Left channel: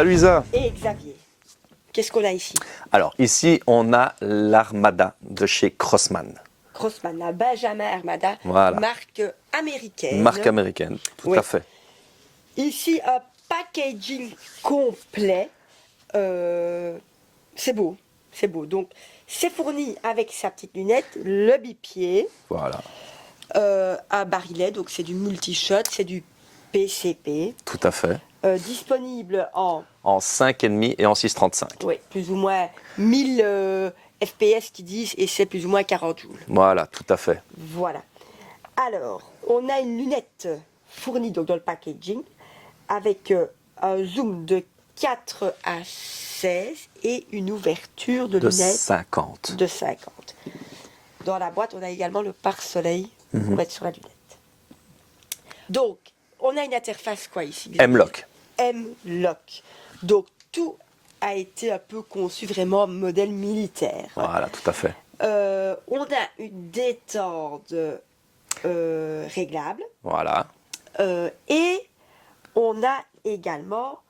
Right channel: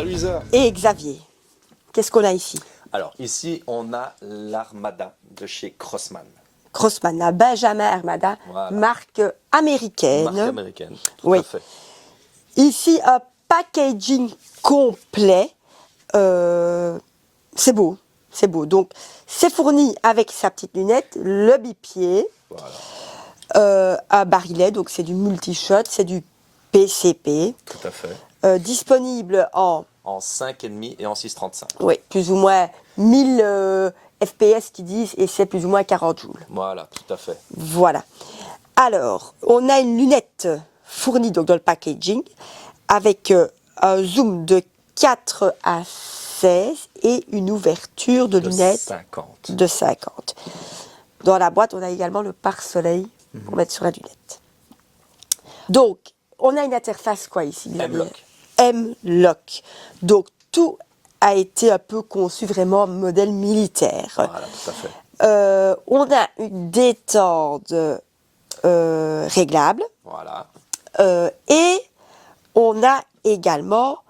Salut Isa. Et Xavier. Qu'est-ce qu'on a ici? Alors ici, on a l'Armada de chez Crosman. Crosman, la Benjamin Armada, Voilà. marque américaine. Marque américaine, tout Oui. à fait. Ici, un packaging complet. C'est beau, c'est beau. Donc, c'est fourni avec sa petite lunette, le bipied, Voilà, un barillet, donc c'est du multi-shot, c'est du PCP. tout à fait. Disponible en En 5,5 et en 6,35. plus ou moins 1000 FPS qui disent, et c'est plus ou moins 40 joules. Voilà, tout à fait. Voilà. Alors, on a une lunette fournie donc, dans le packaging avec un zoom de 4 à 16 et une ouverture de De lunettes 50. de 50. Dans la boîte, on a également le pare-soleil pour mettre sur la lunette. Donc, on a une interface quoi ici? M-Lock. M-Lock. Donc, tout a été un peu conçu vraiment modèle militaire. Voilà, tout à fait. On a une détente réglable Voilà. et on a également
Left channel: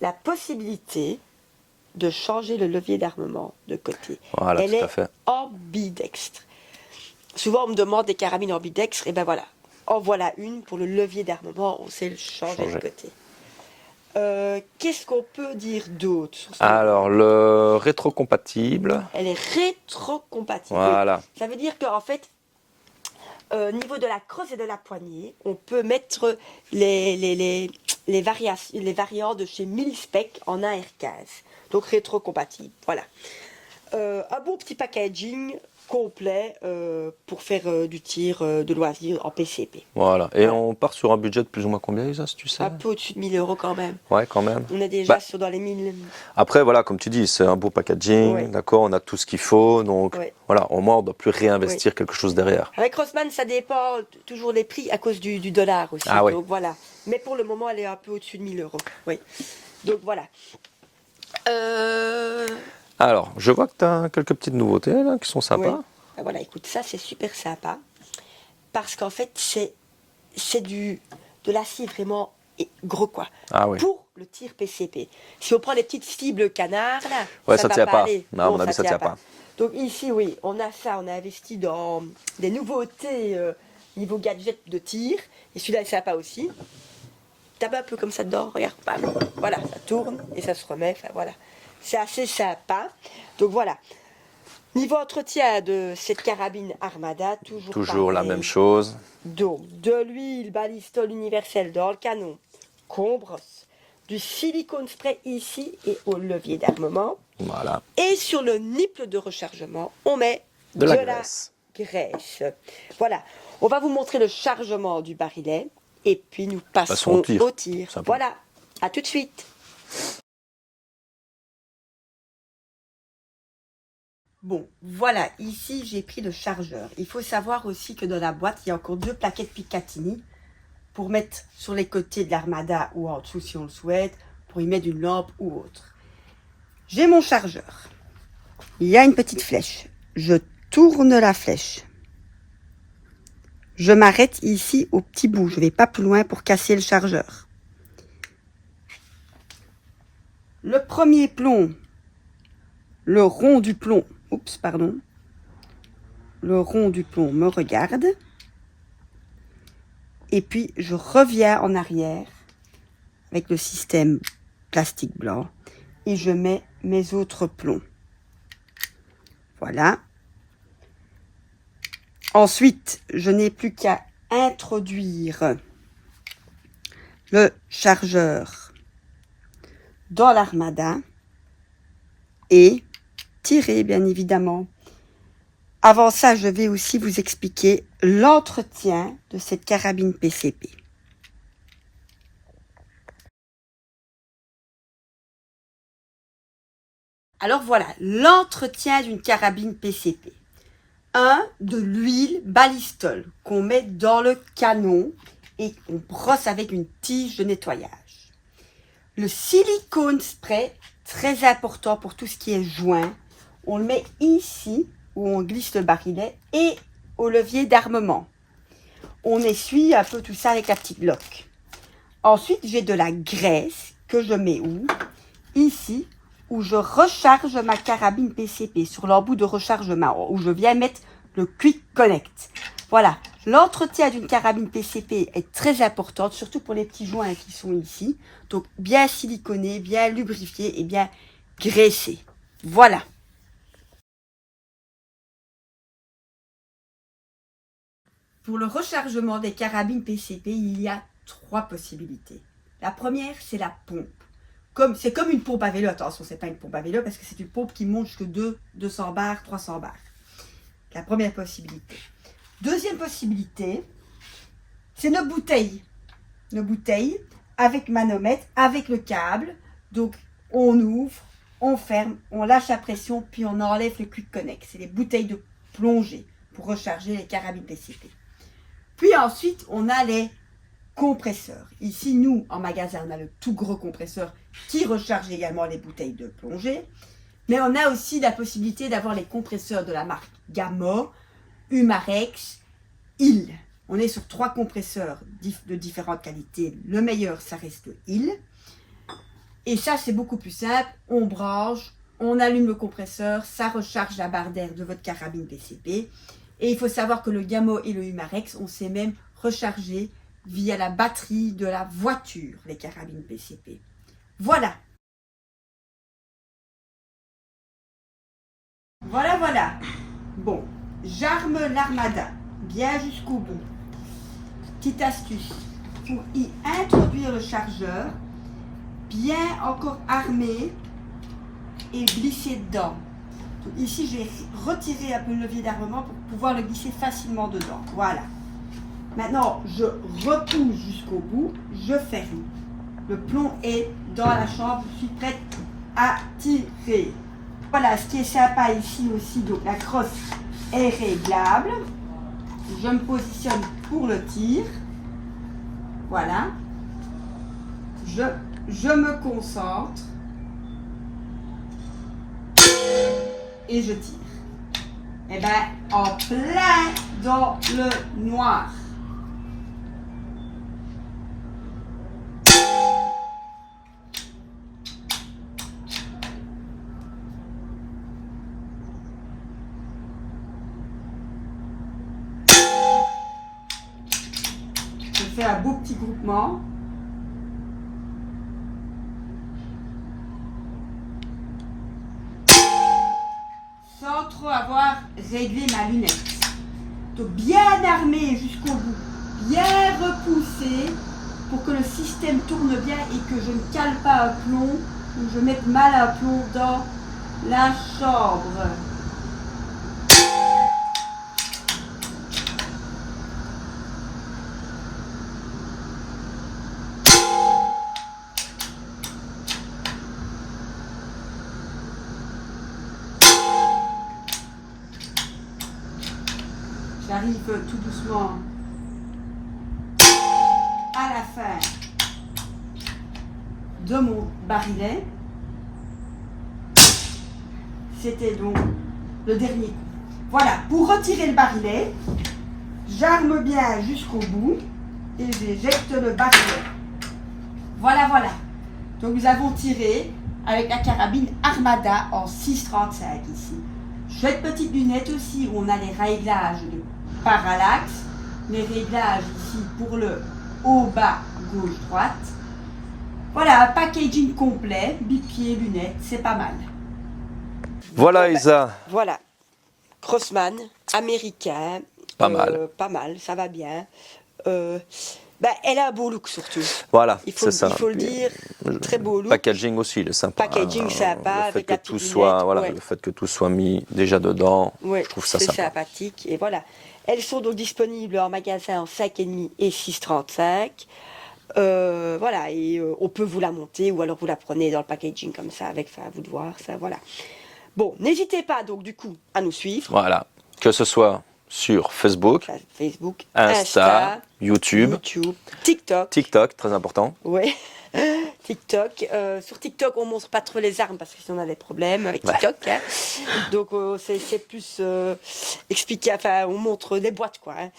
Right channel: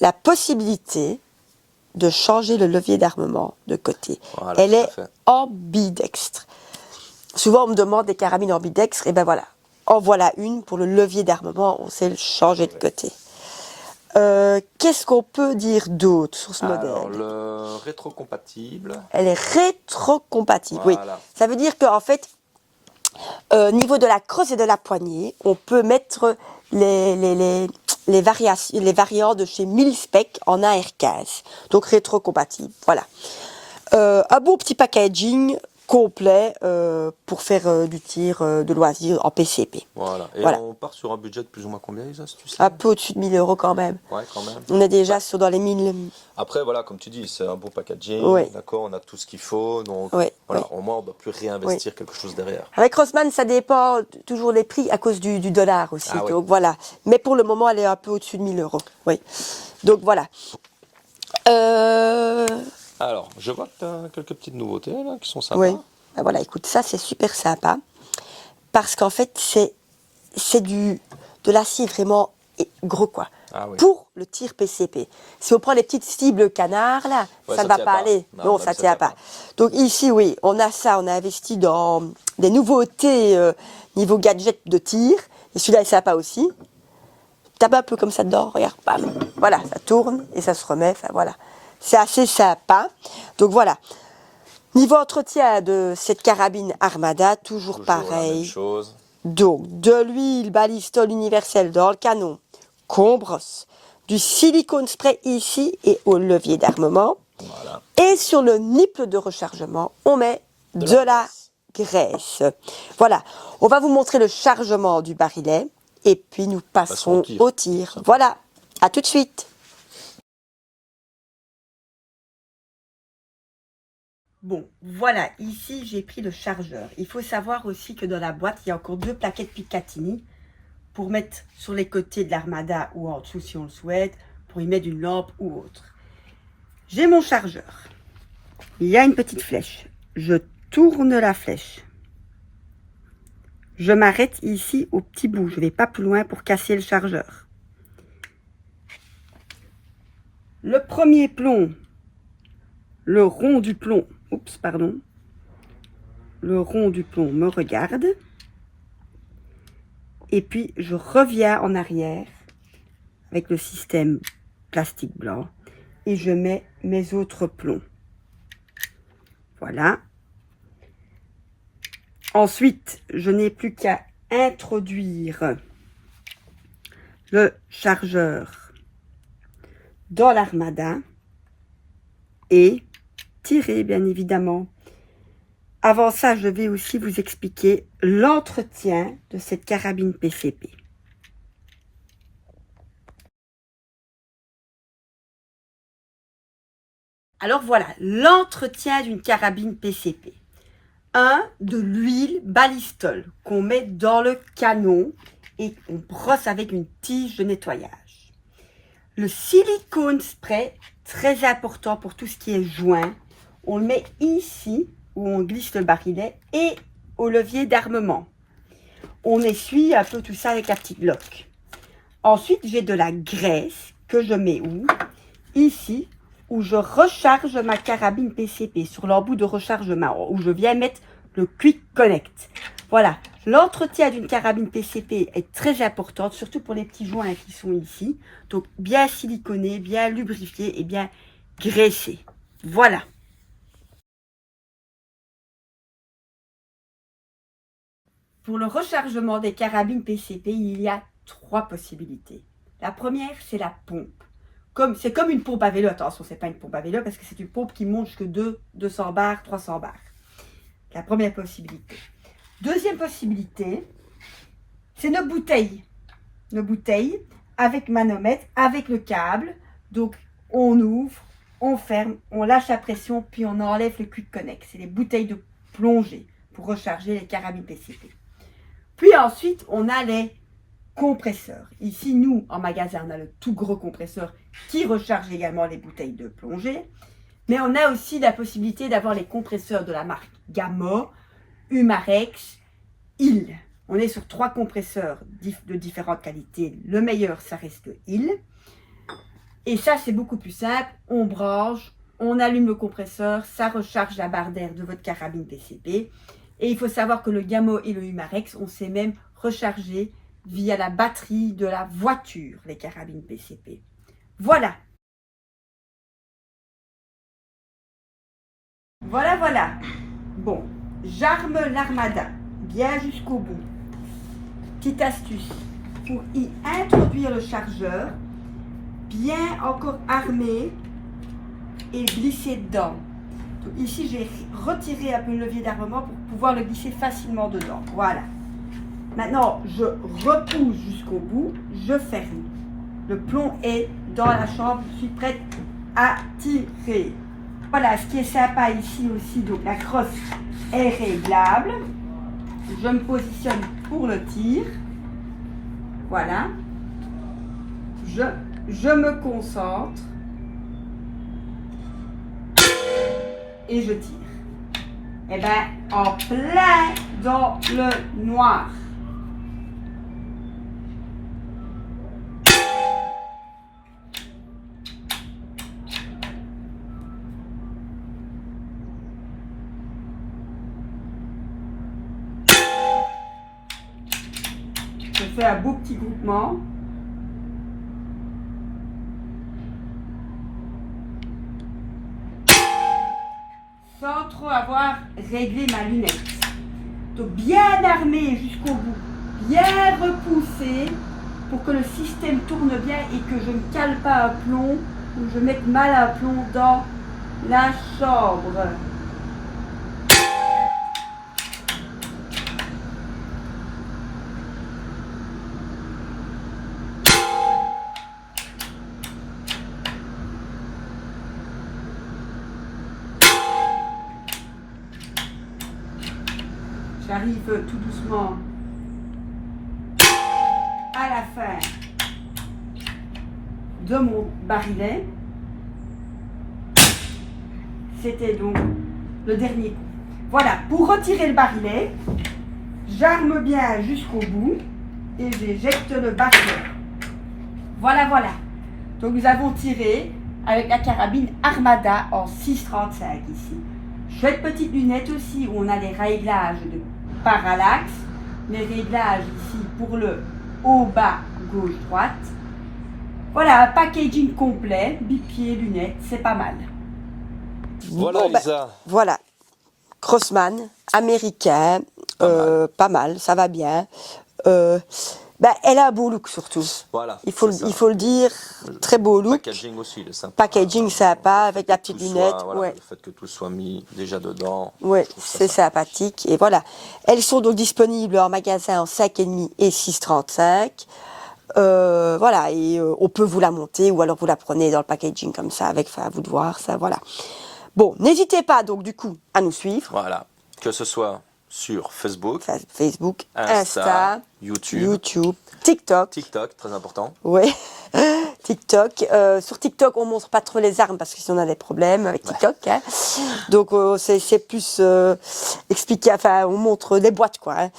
la possibilité de changer le levier d'armement de côté. Voilà, Elle tout à est fait. ambidextre. Souvent, on me demande des carabines ambidextres, et ben voilà, en voilà une pour le levier d'armement, on sait le changer de côté. Qu'est-ce qu'on peut dire d'autre sur ce modèle? Alors, le rétrocompatible. Elle est rétrocompatible. Voilà. Oui. Ça veut dire qu'en fait, niveau de la crosse et de la poignée, on peut mettre les variants de chez Mil-Spec en AR15. Donc rétrocompatible. Voilà. Un beau petit packaging complet pour faire du tir de loisir en PCP. Voilà. Et Voilà. on part sur un budget de plus ou moins combien, Isa, si tu sais? Un peu au-dessus de 1000 € quand même. Ouais, quand même. On est déjà Bah, dans les 1000. Après, voilà, comme tu dis, c'est un beau packaging, Ouais. d'accord, on a tout ce qu'il faut, donc Ouais. voilà, au moins on ne doit plus réinvestir quelque chose derrière. Avec Rossmann, ça dépend toujours des prix à cause du dollar aussi. Ah oui. Donc voilà. Mais pour le moment, elle est un peu au-dessus de 1000 €. Oui. Donc voilà. Alors, je vois que tu as quelques petites nouveautés là, qui sont sympas. Oui. Ah, voilà, écoute, ça c'est super sympa. Parce qu'en fait, c'est de l'acier vraiment gros quoi. Ah oui. Pour le tir PCP. Si on prend les petites cibles canard là, Ouais, ça ça va tient pas pas. aller. Non, à mon ça avis, ça tient tient pas. pas. Donc ici, oui, on a ça, on a investi dans des nouveautés niveau gadget de tir. Et celui-là est sympa aussi. Tape un peu comme ça dedans, regarde, bam. Voilà, ça tourne et ça se remet. Enfin voilà, c'est assez sympa. Donc voilà. Niveau entretien de cette carabine Armada, toujours Toujours pareil. la même chose. Donc, de l'huile balistol universelle dans le canon qu'on brosse, du silicone spray ici et au levier d'armement. Voilà. Et sur le nipple de rechargement, on met De de la la graisse. graisse. Voilà, on va vous montrer le chargement du barillet et puis nous passons au tir. Sympa. Voilà, à tout de suite. Bon, voilà, ici j'ai pris le chargeur. Il faut savoir aussi que dans la boîte, il y a encore 2 plaquettes Picatinny pour mettre sur les côtés de l'Armada ou en dessous si on le souhaite, pour y mettre une lampe ou autre. J'ai mon chargeur. Il y a une petite flèche. Je tourne la flèche. Je m'arrête ici au petit bout. Je ne vais pas plus loin pour casser le chargeur. Le premier plomb, le rond du plomb, le rond du plomb me regarde. Et puis, je reviens en arrière avec le système plastique blanc et je mets mes autres plombs. Voilà. Ensuite, je n'ai plus qu'à introduire le chargeur dans l'Armada et tirer, bien évidemment. Avant ça, je vais aussi vous expliquer l'entretien de cette carabine PCP. Alors voilà, l'entretien d'une carabine PCP. 1. De l'huile balistol qu'on met dans le canon et on brosse avec une tige de nettoyage. Le silicone spray, très important pour tout ce qui est joint. On le met ici où on glisse le barillet et au levier d'armement. On essuie un peu tout ça avec la petite loque. Ensuite, j'ai de la graisse que je mets où? Ici, où je recharge ma carabine PCP, sur l'embout de rechargement, où je viens mettre le Quick Connect. Voilà, l'entretien d'une carabine PCP est très importante, surtout pour les petits joints qui sont ici. Donc, bien siliconé, bien lubrifié et bien graissé. Voilà. Pour le rechargement des carabines PCP, il y a 3 possibilités. La première, c'est la pompe. C'est comme une pompe à vélo. Attention, c'est pas une pompe à vélo parce que c'est une pompe qui monte jusqu'à 200 bars, 300 bars. La première possibilité. Deuxième possibilité, c'est nos bouteilles. Nos bouteilles avec manomètre, avec le câble. Donc, on ouvre, on ferme, on lâche la pression, puis on enlève le Quick Connect. C'est les bouteilles de plongée pour recharger les carabines PCP. Puis ensuite, on a les compresseurs. Ici, nous, en magasin, on a le tout gros compresseur qui recharge également les bouteilles de plongée. Mais on a aussi la possibilité d'avoir les compresseurs de la marque Gamma, Humarex, Hill. On est sur 3 compresseurs de différentes qualités. Le meilleur, ça reste le Hill. Et ça, c'est beaucoup plus simple. On branche, on allume le compresseur, ça recharge la barre d'air de votre carabine PCP. Et il faut savoir que le Gamma et le Humarex, on sait même recharger via la batterie de la voiture, les carabines PCP. Voilà. Voilà. Bon, j'arme l'Armada bien jusqu'au bout. Petite astuce, pour y introduire le chargeur, bien encore armé et glisser dedans. Donc ici, j'ai retiré un peu le levier d'armement pour pouvoir le glisser facilement dedans. Voilà. Maintenant, je repousse jusqu'au bout, je ferme. Le plomb est dans la chambre, je suis prête à tirer. Voilà, ce qui est sympa ici aussi, donc la crosse est réglable. Je me positionne pour le tir. Voilà. Je me concentre. Et je tire. Et bien, en plein dans le noir. Je fais un beau petit groupement. Sans trop avoir réglé ma lunette. Donc bien armé jusqu'au bout, bien repoussé pour que le système tourne bien et que je ne cale pas un plomb ou je mette mal un plomb dans la chambre. J'arrive tout doucement à la fin de mon barillet. C'était donc le dernier coup. Voilà, pour retirer le barillet, j'arme bien jusqu'au bout et j'éjecte le barillet. Voilà. Donc nous avons tiré avec la carabine Armada en 6,35 ici. Chouette petite lunette aussi où on a les réglages de parallaxe, les réglages ici pour le haut, bas, gauche, droite. Voilà, un packaging complet, bipied, lunettes, c'est pas mal. Voilà, Bon, Isa. Voilà, Crossman, américain, pas mal, ça va bien. Elle a un beau look surtout. Voilà, Il faut le dire, très beau look. Packaging aussi, il est sympa. Packaging sympa, avec la petite lunette. Voilà, le fait que tout soit mis déjà dedans, je trouve ça c'est sympa. sympathique. Et voilà, elles sont donc disponibles en magasin en 5,5 et 6,35. Voilà, et on peut vous la monter ou alors vous la prenez dans le packaging comme ça, à vous de voir ça, voilà. Bon, n'hésitez pas donc du coup à nous suivre. Voilà, que ce soit sur Facebook, Facebook, Insta, YouTube, TikTok. TikTok, très important. Oui. TikTok. Sur TikTok, on montre pas trop les armes parce qu'on a des problèmes avec TikTok. Hein. Donc c'est plus expliqué. Enfin, on montre des boîtes, quoi. Hein.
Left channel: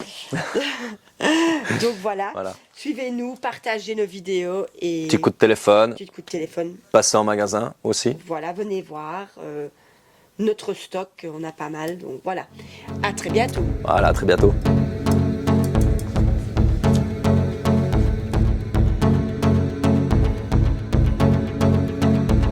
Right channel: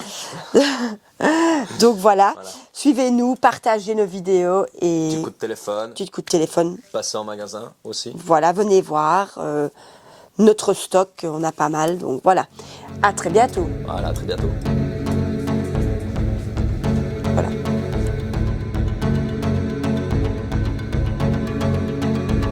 Donc voilà. Suivez-nous, partagez nos vidéos et. Petit coup de téléphone. Petit coup de téléphone. Passez en magasin aussi. Voilà, venez voir notre stock. On a pas mal. Donc voilà. À très bientôt. Voilà, à très bientôt.